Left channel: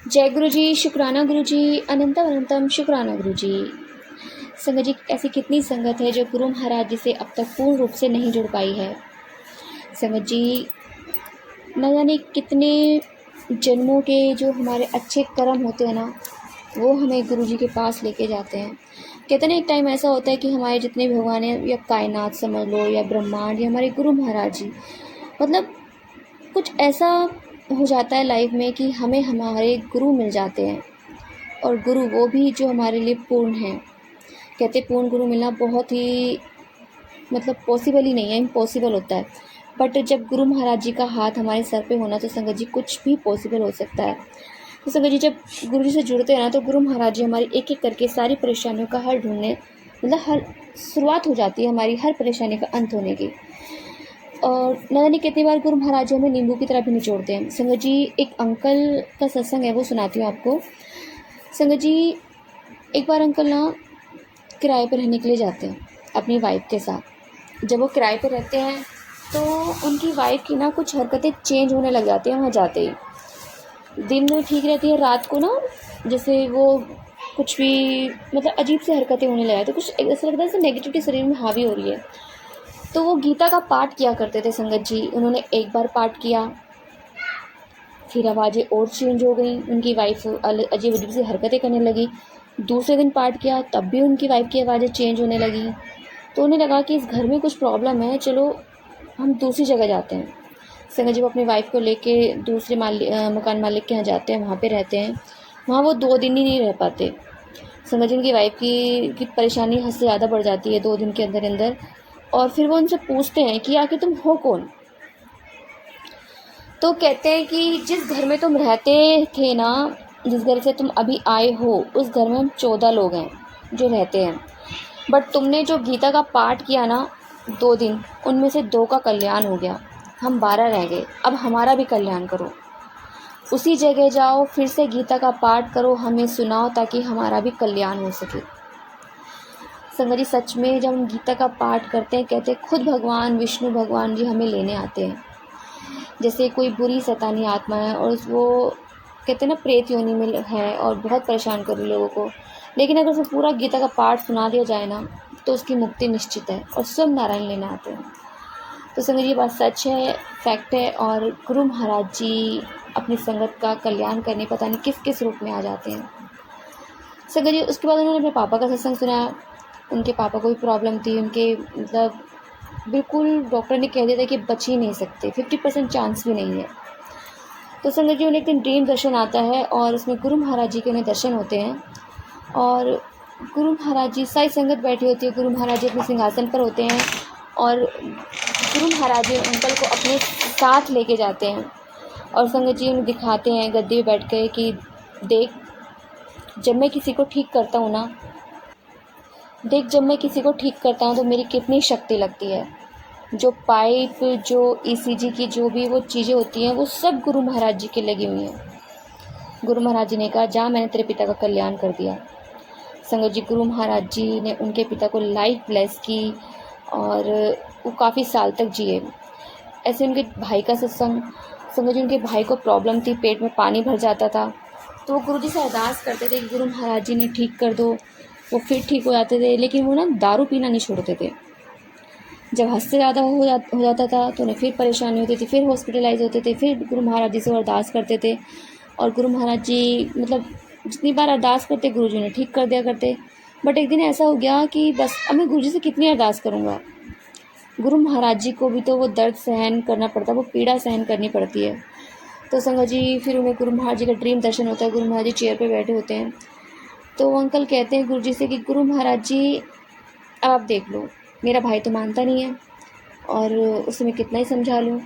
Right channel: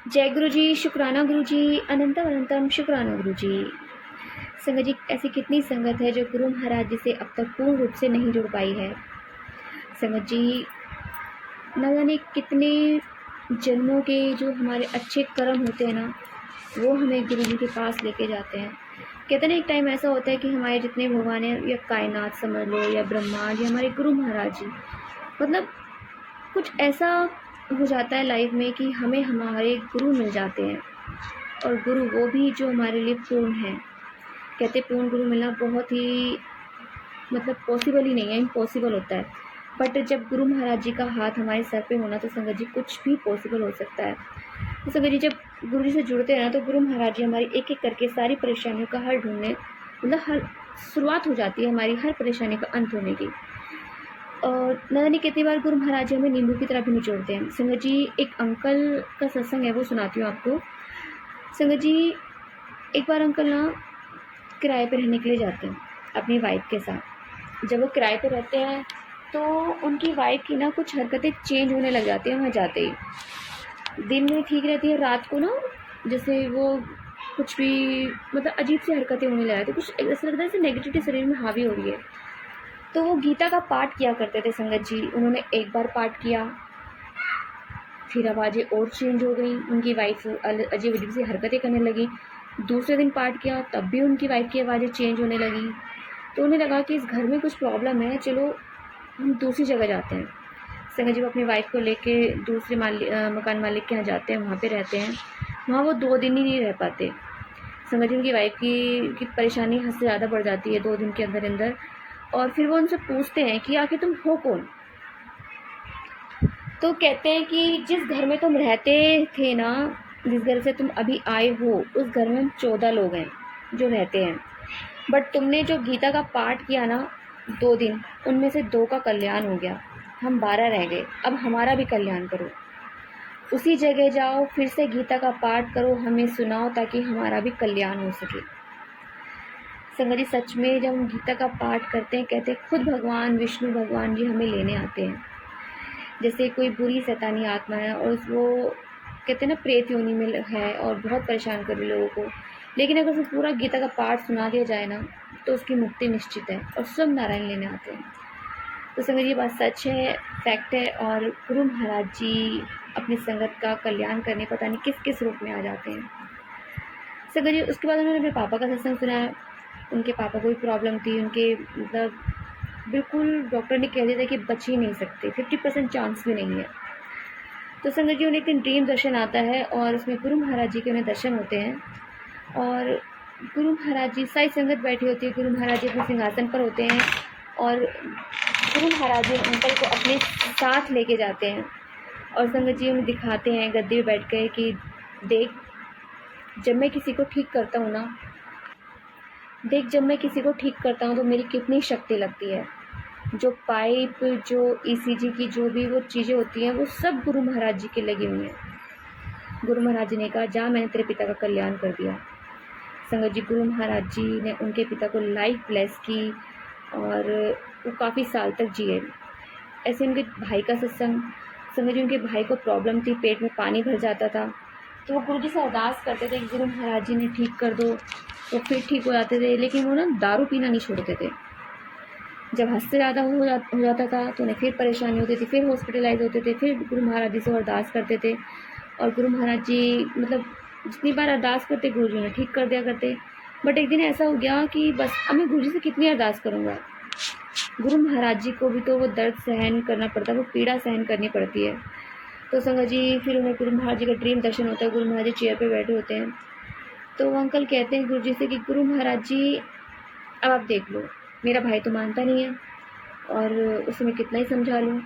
जय गुरु जी, शुक्राना गुरु जी, अनंतम अनंतम शुक्राना गुरु जी। संगत जी, ऐसी कितनी संगत है जो गुरु महाराज जी से अब तक पूर्ण रूप से नहीं जुड़ पाई है। संगत जी, न जाने कितने जन्मों के जो हमारे अच्छे कर्म होते हैं ना, वो हमें गुरु जी के पास लेके जाते हैं। कहते हैं ना, एक टाइम ऐसा होता है कि हमारे जितने भी भगवान हैं, या कायनात समझ लो, या ब्रह्मांड, या हमारे गुरु महाराज जी, मतलब कुछ ऐसा हो जाता है लाइफ में कि हमें हमारे गुरु मिल जाते हैं, और गुरु वो भी जो हमारे लिए पूर्ण हैं। कहते पूर्ण गुरु मिलना बहुत ही पॉसिबल ही नहीं है, इम्पॉसिबल होता है। बट जब गुरु महाराज जी का हाथ हमारे सर पे होना, तो संगत जी कुछ भी पॉसिबल हो सकता है। तो संगत जी, जब गुरु जी से जुड़ते हैं ना, तो गुरु महाराज जी हमारी एक एक करके सारी परेशानियों का हल ढूंढने, हर शुरुआत हो जाती है हमारी हर परेशानी का अंत होने की। और न जाने कितनी बार गुरु महाराज जी हमें नींबू की तरह भी निचोड़ते हैं। संगत जी, एक अंकल का सत्संग है, वो सुनाती हूँ आपको। संगत जी, एक बार अंकल ना किराए पर रहने के लिए जाते हैं अपनी वाइफ के साथ। जब वो किराए पर रहते हैं, तो उनकी वाइफ की ना कुछ हरकतें चेंज होने लग जाती हैं वहाँ जाते ही। दिन में ठीक रहती है, रात को ना जैसे वो कुछ भी अजीब सी हरकतें होने लग जाती है। कुछ ऐसा लगता है जैसे नेगेटिविटी शरीर में हावी हो रही है। तो वो गीता का पाठ किया करते थे संगत जी। उन्होंने एक बार पाठ किया, फिर आवाज़ें और चेंज हो गई, उनकी वाइफ अजीब अजीब सी हरकतें करने लगी। दूसरे दिन पाठ किया, तब भी उनकी वाइफ की आवाज़ें चेंज होने लगी। तो उन्हें लगा कि इस घर में कुछ प्रॉब्लम है, चलो हम दूसरी जगह जाते हैं। संगत जी वो अपनी वाइफ को लेके दूसरे मकान मालिक के यहाँ जाते हैं, वहाँ पे रहते हैं। वहाँ वो 2 दिन ही नहीं रह पाते। संगत जी, उनकी वाइफ की परेशानी हद से ज़्यादा बढ़ जाती है 2 दिन के अंदर अंदर। और फिर वो उनसे पूछते हैं कि आखिर तुम हो कौन। तो कहते हैं कि जिस घर में तुम रहते थे ना, जिस घर से तुम अभी आए हो, उस घर में हम 14 लोग हैं जो रहते हैं। बट तुमने जो गीता का पाठ किया ना 2 दिन, उनमें से 2 का कल्याण हो गया, हम 12 रह गए। अब हमारा भी कल्याण करो, उसी जगह जाओ, फिर से गीता का पाठ करो, हमें सुनाओ, ताकि हमारा भी कल्याण हो सके। संगत जी, सच में जब हम गीता का पाठ करते हैं, कहते हैं खुद भगवान विष्णु भगवान जी हमें लेने आते हैं। जैसे कोई बुरी शैतानी आत्मा है, और वो कहते हैं ना प्रेत योनि में है और बहुत परेशान कर रही लोगों को, लेकिन अगर उसे पूरा गीता का पाठ सुना दिया जाए ना, तो उसकी मुक्ति निश्चित है, और स्वयं नारायण लेने आते हैं। तो संगत ये बात सच है, फैक्ट है। और गुरु महाराज जी अपनी संगत का कल्याण करने पता नहीं किस किस रूप में आ जाते हैं। संगत जी, उसके बाद उन्होंने अपने पापा का सत्संग सुना। उनके पापा को भी प्रॉब्लम थी, उनके बिल्कुल डॉक्टर ने कह दिया था कि बच ही नहीं सकते, 50% चांस भी नहीं है। तो संगत जी, उन्हें एक दिन ड्रीम दर्शन आता है, और उसमें गुरु महाराज जी के उन्हें दर्शन होते हैं। और गुरु महाराज जी, सारी संगत बैठी होती है, गुरु महाराज जी अपने सिंहासन पर होते हैं, और गुरु महाराज जी अंकल को अपने साथ लेके जाते हैं। और संगत जी उन्हें दिखाते हैं गद्दे पे बैठ के कि देख, जब मैं किसी को ठीक करता हूँ ना, जब मैं किसी को ठीक करता हूँ तो मेरी कितनी शक्ति लगती है। जो पाइप, जो ईसीजी की जो भी वो चीज़ें होती हैं, वो सब गुरु महाराज जी की लगी हुई हैं। गुरु महाराज जी ने कहा, जा, मैंने तेरे पिता का कल्याण कर दिया। संगत जी, गुरु महाराज जी ने उनके पिता को लाइफ ब्लेस की, और वो काफ़ी साल तक जिए। ऐसे उनके भाई का सत्संग। संगत जी, उनके भाई को प्रॉब्लम थी, पेट में पानी भर जाता था। तो वो गुरु जी से अरदास करते थे कि गुरु महाराज जी ने ठीक कर दो। वो फिर ठीक हो जाते थे, लेकिन वो ना दारू पीना नहीं छोड़ते थे। जब हद से ज़्यादा हो जाता था, तो उन्हें फिर परेशानी होती थी, फिर हॉस्पिटलाइज होते थे, फिर गुरु महाराज जी से अरदास करते थे। और गुरु महाराज जी जितनी बार अरदास करते, गुरु जी उन्हें ठीक कर दिया करते। बट एक दिन ऐसा हो गया कि बस अब मैं गुरु जी से कितनी अरदास करूँगा। गुरु महाराज जी को भी तो वो दर्द सहन करना पड़ता है, वो पीड़ा सहन करनी पड़ती है। तो संगत जी, फिर उन्हें गुरु महाराज जी का ड्रीम दर्शन होता है। गुरु महाराज जी चेयर पर बैठे होते हैं, तो वो अंकल कहते हैं गुरु जी से कि गुरु महाराज जी, अब आप देख लो, मेरा भाई तो मानता नहीं है, और उसे मैं कितना ही समझा लूँ,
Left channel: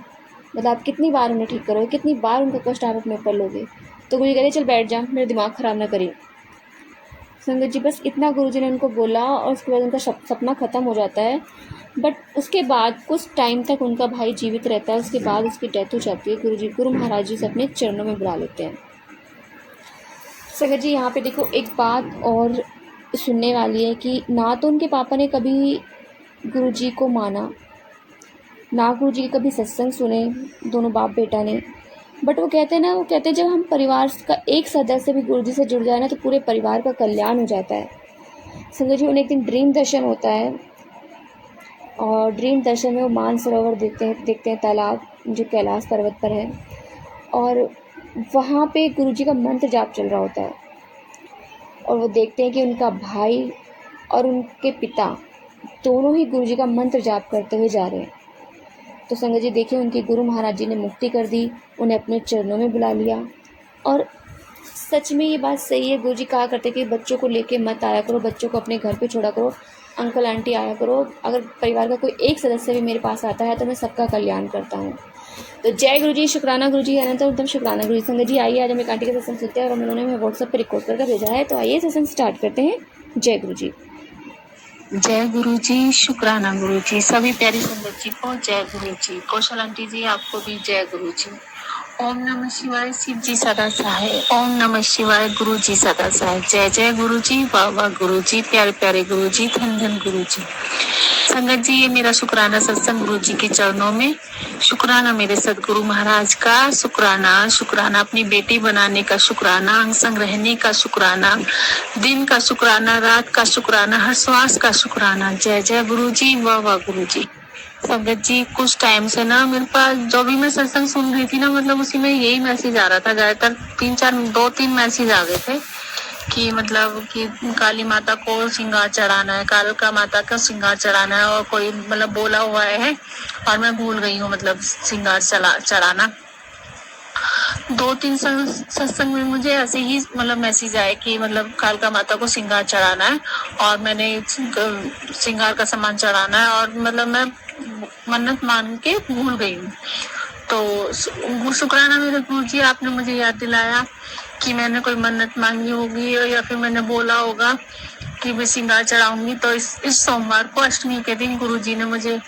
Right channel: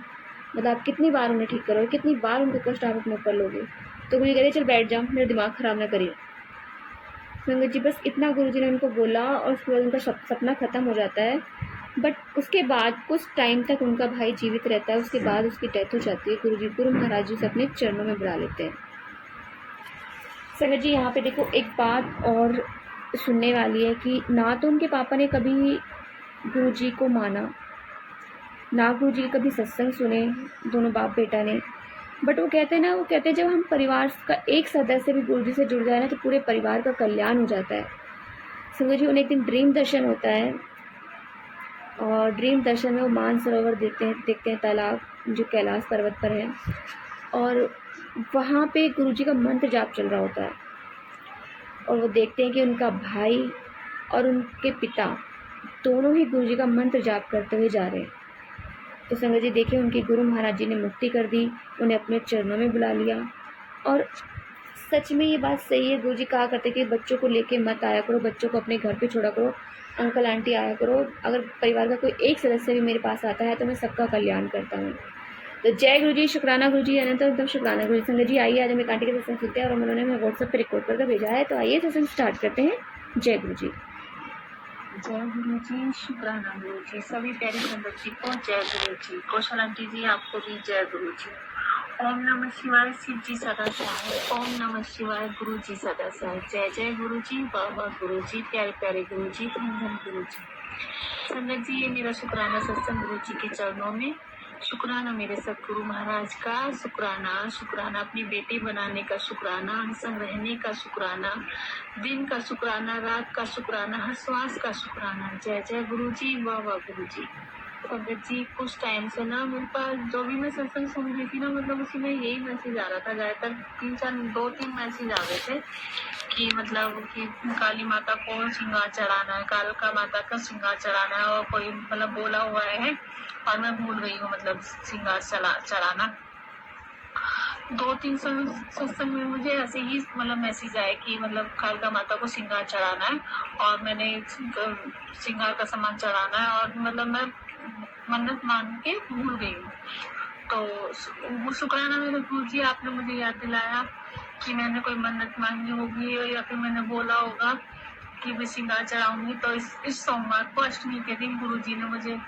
आप कितनी बार उन्हें ठीक करोगे, कितनी बार उनका कष्ट आप अपने ऊपर लोगे। तो गुरु जी कहते, चल बैठ जा, मेरा दिमाग ख़राब ना करिए। संगत जी, बस इतना गुरु जी ने उनको बोला, और उसके बाद उनका सपना ख़त्म हो जाता है। बट उसके बाद कुछ टाइम तक उनका भाई जीवित रहता है, उसके बाद उसकी डेथ हो जाती है। गुरु महाराज जी से अपने चरणों में बुला लेते हैं। संगत जी, यहाँ पे देखो एक बात और सुनने वाली है कि ना तो उनके पापा ने कभी गुरु जी को माना, ना गुरु जी कभी सत्संग सुने, दोनों बाप बेटा ने। बट वो कहते हैं ना, वो कहते हैं जब हम परिवार का एक सदस्य भी गुरु जी से जुड़ जाए ना तो पूरे परिवार का कल्याण हो जाता है। संगत जी, उन्हें एक दिन ड्रीम दर्शन होता है और ड्रीम दर्शन में वो मानसरोवर देखते हैं तालाब जो कैलाश पर्वत पर है, और वहाँ पे गुरु जी का मंत्र जाप चल रहा होता है और वो देखते हैं कि उनका भाई और उनके पिता दोनों ही गुरु जी का मंत्र जाप करते हुए जा रहे हैं। तो संगत जी देखिए, उनके गुरु महाराज जी ने मुक्ति कर दी, उन्हें अपने चरणों में बुला लिया। और सच में ये बात सही है, गुरु जी कहा करते कि बच्चों को लेके मत आया करो, बच्चों को अपने घर पे छोड़ा करो, अंकल आंटी आया करो, अगर परिवार का कोई एक सदस्य भी मेरे पास आता है तो मैं सबका कल्याण करता हूँ। तो जय गुरु जी, शुक्राना गुरु जी, अनंत एकदम शुक्राना गुरु जी। संगत जी आइए, आज हम एक आंटी के सत्संग सुनते हैं और उन्होंने हमें व्हाट्सएप पर रिकॉर्ड करके भेजा है, तो आइए सत्संग स्टार्ट करते हैं। जय गुरु जी। जय गुरु जी, शुक्राना गुरु जी। सभी प्यारी संगत जी को जय गुरु जी। कौशल आंटी जी आपको भी जय गुरु जी। ओम नमः शिवाय, शिव जी सदा सहाय। ओम नमः शिवाय, गुरु जी सदा सहाय। जय जय गुरु जी, वाह वाह गुरु जी, प्यारे प्यारे गुरु जी, धन धन गुरु जी। संगत जी, ये मेरा शुक्राना सत्संग गुरु जी के चरणों में। शुक्राना मेरे सदगुरु महाराज का, शुक्राना अपनी बेटी बनाने का, शुक्राना अंग संग रहने का, शुक्राना दिन का, शुक्राना रात का, शुक्राना हर श्वास का, शुक्राना। जय जय गुरु जी, वाह वाह गुरु जी। संगत जी, कुछ टाइम से ना मेरे पास जो भी मैं सत्संग सुन रही थी ना, मतलब उसी में यही मैसेज आ रहा था। ज्यादातर 2-3 मैसेज आ गए थे कि मतलब कि काली माता को श्रृंगार चढ़ाना है, कालका माता का श्रृंगार चढ़ाना है, और कोई मतलब बोला हुआ है और मैं भूल गई हूँ मतलब श्रृंगार चढ़ाना। 2-3 सत्संग में मुझे ऐसे ही मतलब मैसेज आए कि मतलब कालका माता को श्रृंगार चढ़ाना है और मैंने श्रृंगार का सामान चढ़ाना है, और मतलब मैं मन्नत मान के भूल गई हूँ। तो शुक्राना मेरे गुरु जी, आपने मुझे याद दिलाया कि मैंने कोई मन्नत मांगी होगी या फिर मैंने बोला होगा कि मैं श्रृंगार चढ़ाऊंगी। तो इस सोमवार को अष्टमी के दिन गुरु जी ने मुझे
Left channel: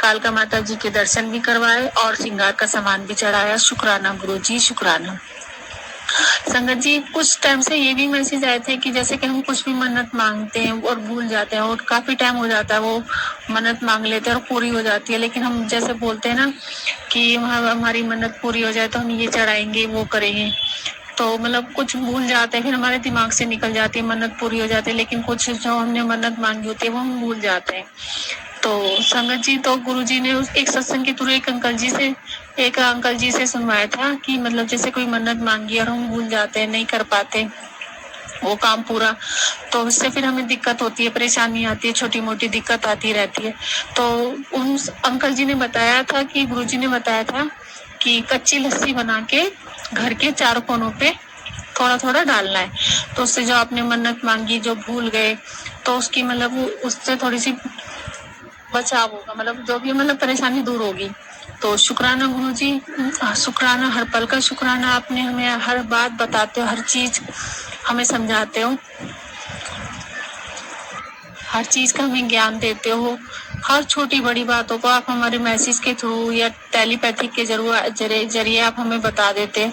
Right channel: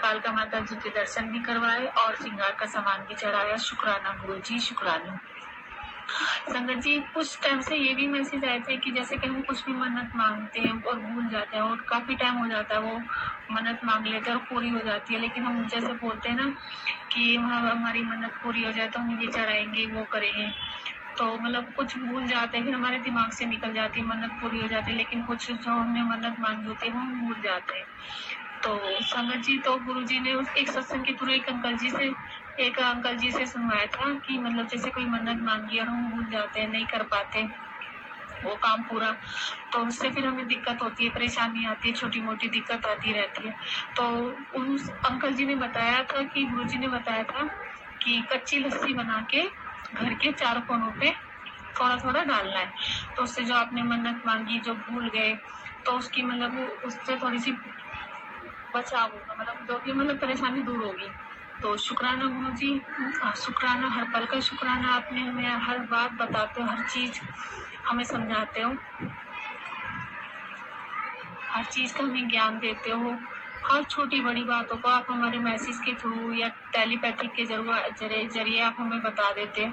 कालका माता जी के दर्शन भी करवाए और श्रृंगार का सामान भी चढ़ाया। शुक्राना गुरु जी, शुक्राना। संगत जी, कुछ टाइम से ये भी मैसेज आए थे कि जैसे कि हम कुछ भी मन्नत मांगते हैं और भूल जाते हैं, और काफी टाइम हो जाता है वो मन्नत मांग लेते हैं और पूरी हो जाती है, लेकिन हम जैसे बोलते हैं ना कि हमारी मन्नत पूरी हो जाए तो हम ये चढ़ाएंगे वो करेंगे, तो मतलब कुछ भूल जाते हैं, फिर हमारे दिमाग से निकल जाती है, मन्नत पूरी हो जाती है, लेकिन कुछ जो हमने मन्नत मांगी होती है वो हम भूल जाते हैं। तो संगत जी, तो गुरुजी ने उस एक सत्संग के थ्रू एक अंकल जी से सुनवाया था कि मतलब जैसे कोई मन्नत मांगी और हम भूल जाते हैं, नहीं कर पाते वो काम पूरा, तो उससे फिर हमें दिक्कत होती है, परेशानी आती है, छोटी मोटी दिक्कत आती रहती है। तो उस अंकल जी ने बताया था कि गुरुजी ने बताया था कि कच्ची लस्सी बना के घर के 4 कोनों पे थोड़ा थोड़ा डालना है, तो उससे जो आपने मन्नत मांगी जो भूल गए तो उसकी मतलब उससे थोड़ी सी बचाव होगा, मतलब जो भी मतलब परेशानी दूर होगी। तो शुक्राना गुरुजी, शुक्राना हर पल का शुक्राना। आपने हमें हर बात बताते हो, हर चीज हमें समझाते हो, हर चीज का हमें ज्ञान देते हो, हर छोटी बड़ी बातों को आप हमारे मैसेज के थ्रू या टेलीपैथी के जरिए आप हमें बता देते।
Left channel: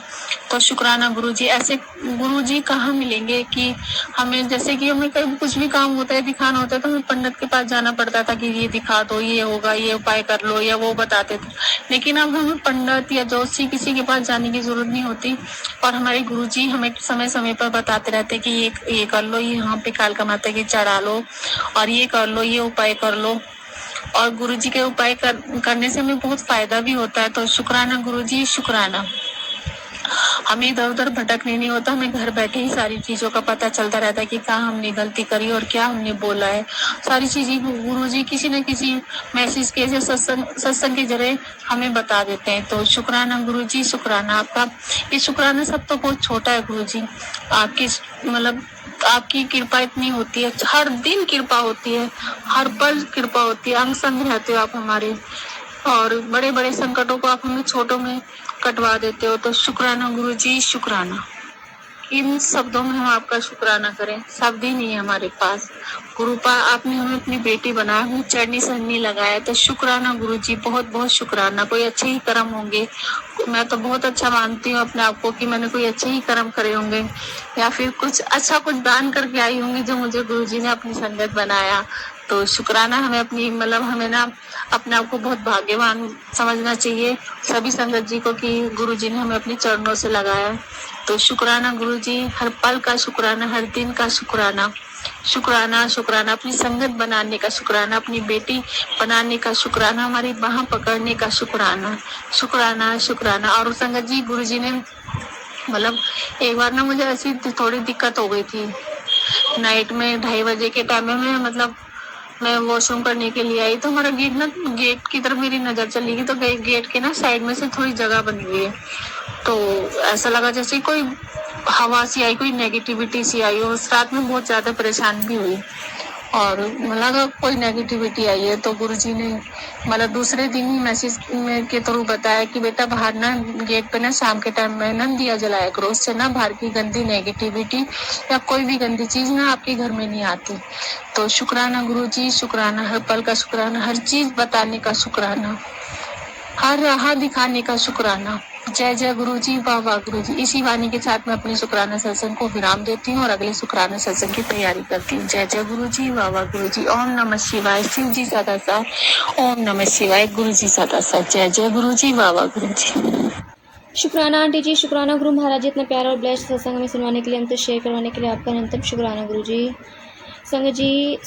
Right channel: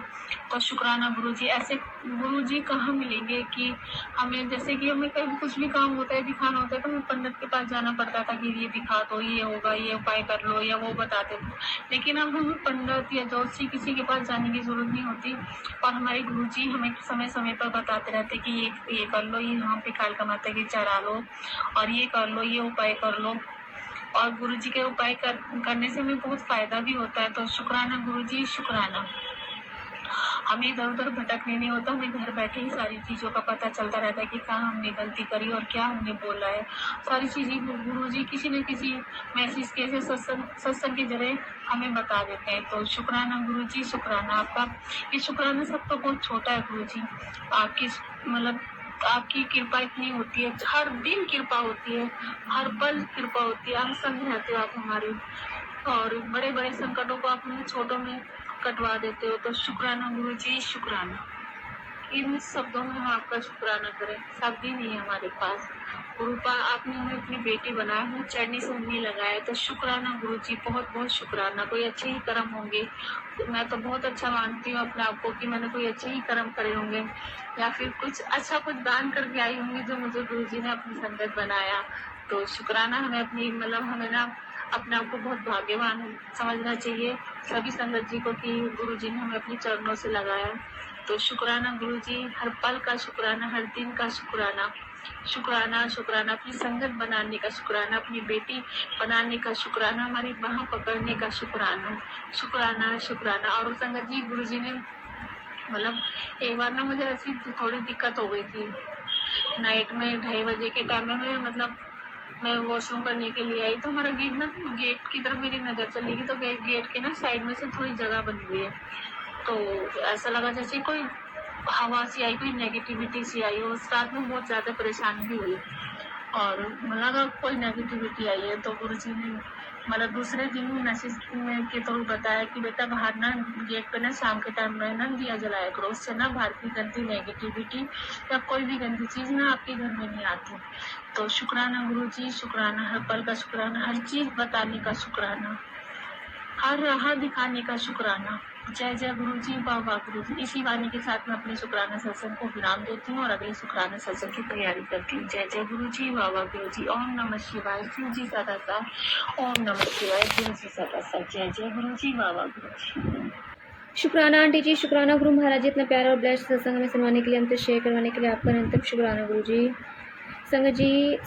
तो शुक्राना गुरुजी। ऐसे गुरुजी कहाँ मिलेंगे कि हमें जैसे कि हमें कहीं कुछ भी काम होता है, दिखाना होता है, तो हमें पंडित के पास जाना पड़ता था कि ये दिखा दो, ये होगा, ये उपाय कर लो, या वो बताते थे। लेकिन अब हमें पंडित या जोशी किसी के पास जाने की जरूरत नहीं होती, और हमारे गुरुजी हमें समय समय पर बताते रहते कि ये कर लो, ये यहाँ पे कालका माता की चढ़ा लो, और ये कर लो, ये उपाय कर लो। और गुरुजी के उपाय करने से हमें बहुत फायदा भी होता है। तो शुक्राना गुरुजी, शुक्राना। हमें इधर उधर भटकने नहीं होता, हमें घर बैठे ही सारी चीजों का पता चलता रहता है कि कहाँ हमने गलती करी और क्या हमने बोला है। सारी चीजें गुरुजी किसी न किसी मैसेज के सत्संग के जरिए हमें बता देते हैं। तो शुक्राना गुरुजी, शुक्राना आपका। ये शुक्राना सब तो बहुत छोटा है गुरुजी, आपकी मतलब आपकी कृपा इतनी होती है, हर दिन कृपा होती है, हर पल कृपा होती है, अंग संग रहते हो आप हमारे, और बड़े बड़े संकटों को आप हमें छोटों में कटवा देते हो। तो शुक्राना गुरुजी, शुक्राना। इन शब्दों में हम आपका शुक्राना करें, शब्द ही नहीं है हमारे पास। गुरुपा आपने हमें अपनी बेटी बनाया, हमें चढ़नी सहनी लगाया, तो शुक्राना गुरुजी, बहुत बहुत शुक्राना। कोई अच्छे ही कर्म होंगे, मैं तो बहुत अच्छा मानती हूँ अपने आप को कि मैंने कोई अच्छे ही कर्म करे होंगे, या फिर कुछ दान करके आई होंगी जो मुझे गुरुजी ने अपनी संगत बनाया। तो शुक्राना हमें अपनी मतलब हमें ना अपने आप को बहुत भाग्यवान समझना चाहिए सभी संगत जी को कि गुरु जी ने हमें अपने चरणों से लगाया। तो शुक्राना गुरु जी, हर पल का शुक्राना, हर दिन का शुक्राना। शुक्राना शुक्राना अपनी संगत बनाने का शुक्राना, अपनी बेटी बनाने का शुक्राना, हमारी बाह पकड़ने का शुक्राना। शुक्राना शुक्राना। और संगत जी गुरु जी ने मतलब एक बार ना मुझे ऐसी थोड़ी दिक्कत हो गई थी। नाइट में 2:30 बजे के टाइम में मैं वॉशरूम करने के लिए आई, तो हमारा गेट की तरफ मेरी नजर चली गई। तो गेट के ना साइड में से थोड़ी जगह बनी हुई है, तो ऐसा लगा जैसे कोई हवा सी आई, कोई नेगेटिविटी सी आई। और उस रात में बहुत ज्यादा परेशान भी हुई और लगा कोई नेगेटिविटी आई है। तो गुरुजी ने मतलब दूसरे दिन ही मैसेज के थ्रू बताया कि बेटा बाहर ना गेट पे ना शाम के टाइम में ना दिया जलाया करो, उससे ना बाहर की गंदी नेगेटिविटी या कोई भी गंदी चीज ना आपके घर में नहीं आती। तो शुक्राना गुरुजी, शुक्राना, हर पल का शुक्राना, हर चीज बताने का शुक्राना, हर राह दिखाने का शुक्राना। जय जय गुरुजी, वाह वाह गुरुजी। इसी वाणी के साथ मैं अपने शुक्राना सत्संग को विराम देती हूँ और अगले शुक्राना सत्संग की तैयारी करती हूँ। जय जय गुरुजी, वाह वाह गुरुजी। ओम नमः शिवाय। शिव जी सदा साथ। ओम नमः शिवाय। गुरु जी सदा साथ। जय जय गुरुजी, वाह वाह गुरुजी। शुक्राना आंटी जी, शुक्राना गुरु महाराज जी, इतना प्यारा और ब्लेस्ड सत्संग हमें सुनवाने के लिए, हमसे शेयर करवाने के लिए आपका अनंतम शुक्राना गुरु जी। संगत जी,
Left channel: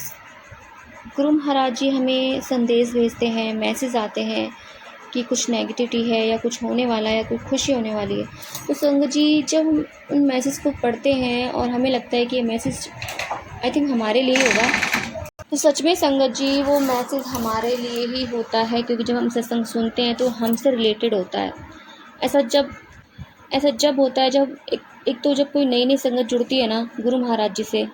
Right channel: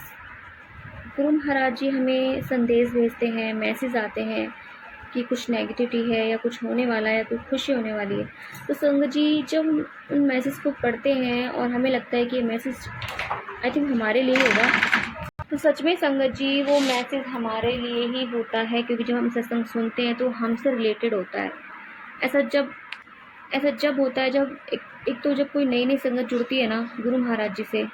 गुरु महाराज जी हमें संदेश भेजते हैं, मैसेज आते हैं कि कुछ नेगेटिविटी है या कुछ होने वाला है, कुछ खुशी होने वाली है। तो संगत जी जब हम उन मैसेज को पढ़ते हैं और हमें लगता है कि ये मैसेज आई थिंक हमारे लिए होगा, तो सच में संगत जी वो मैसेज हमारे लिए ही होता है, क्योंकि जब हम सत्संग सुनते हैं तो हमसे रिलेटेड होता है। ऐसा जब होता है जब एक तो जब कोई नई संगत जुड़ती है ना गुरु महाराज जी से,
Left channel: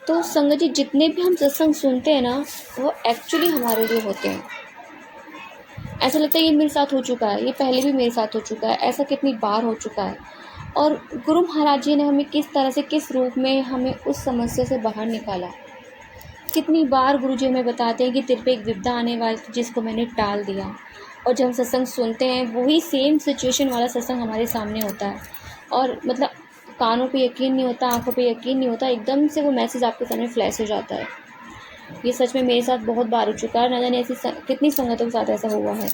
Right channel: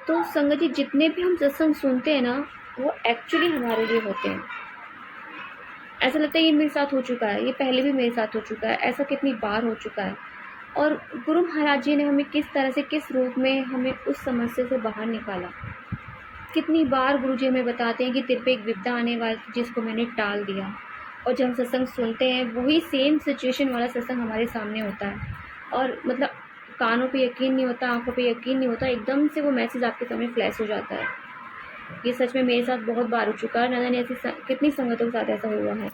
तो संगत जी जितने भी हम सत्संग सुनते हैं ना वो एक्चुअली हमारे लिए होते हैं। ऐसा लगता है ये मेरे साथ हो चुका है, ये पहले भी मेरे साथ हो चुका है, ऐसा कितनी बार हो चुका है। और गुरु महाराज जी ने हमें किस तरह से, किस रूप में हमें उस समस्या से बाहर निकाला। कितनी बार गुरु जी हमें बताते हैं कि तेरे पे एक विपदा आने वाली थी जिसको मैंने टाल दिया। और जब हम सत्संग सुनते हैं वही सेम सिचुएशन वाला सत्संग हमारे सामने होता है और मतलब कानों पे यकीन नहीं होता, आंखों पे यकीन नहीं होता, एकदम से वो मैसेज आपके सामने फ्लैश हो जाता है। ये सच में मेरे साथ बहुत बार हो चुका है, ना जाने ऐसी कितनी संगतों के साथ ऐसा हुआ है।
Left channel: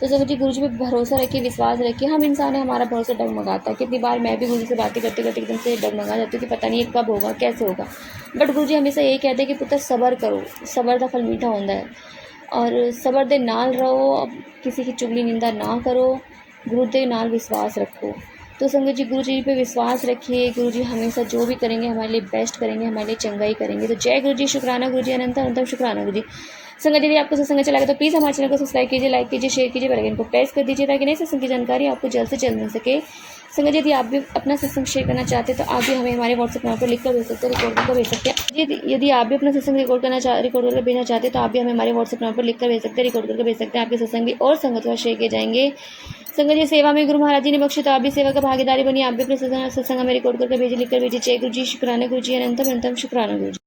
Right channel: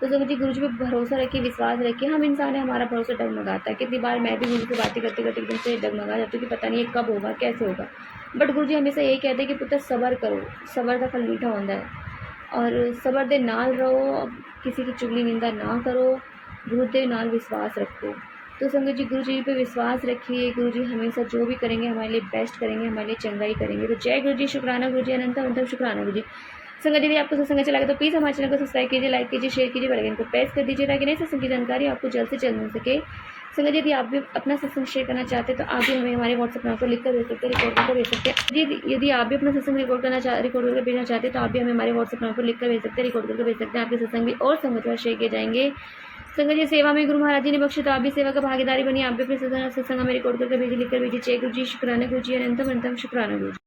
तो संगत जी गुरु जी पे भरोसा रखिए, विश्वास रखिए। हम इंसान है, हमारा भरोसा डगमगाता है। कितनी बार मैं भी गुरु जी से बातें करते करते एकदम से डगमगा जाती हूँ कि पता नहीं कब होगा, कैसे होगा। बट गुरु जी हमेशा यही कहते हैं कि पुत्र सब्र करो, सब्र का फल मीठा होता है और सब्र दे नाल रहो, अब किसी की चुगली निंदा ना करो, गुरु दे नाल विश्वास रखो। तो संगत जी गुरु जी पे विश्वास रखिए। गुरु जी हमेशा जो भी करेंगे हमारे लिए बेस्ट करेंगे, हमारे लिए चंगाई करेंगे। तो जय गुरु जी, शुक्राना गुरु जी, अनंतम शुक्राना गुरु जी। संगत जी आपको सत्संग अच्छा लगे तो प्लीज़ हमारे चैनल को सब्सक्राइब कीजिए, लाइक कीजिए, शेयर कीजिए, बेल आइकन को प्रेस कर दीजिए ताकि नए सत्संग की जानकारी आपको जल्द से जल्द मिल सके। संगत जी यदि आप भी अपना सत्संग शेयर करना चाहते हैं तो आप भी हमें हमारे व्हाट्सएप नंबर पर लिखकर भेज सकते हैं, रिकॉर्ड करके भेज सकते हैं। यदि आप भी अपना सत्संग रिकॉर्ड करके भेजना चाहते हैं तो आप भी हमें हमारे व्हाट्सएप नंबर पर लिखकर भेज सकते हैं, रिकॉर्ड करके भेज सकते हैं। आपके सत्संग भी और संगत के साथ शेयर किए जाएंगे। संगत जी सेवा में गुरु महाराज जी ने बख्शी, तो आप भी सेवा का भागीदारी बनिए। आप भी अपने सत्संग हमें रिकॉर्ड करके भेजिए, लिखकर भेजिए। जय गुरु जी, शुक्राना गुरु जी, अनंतम शुक्राना गुरु जी।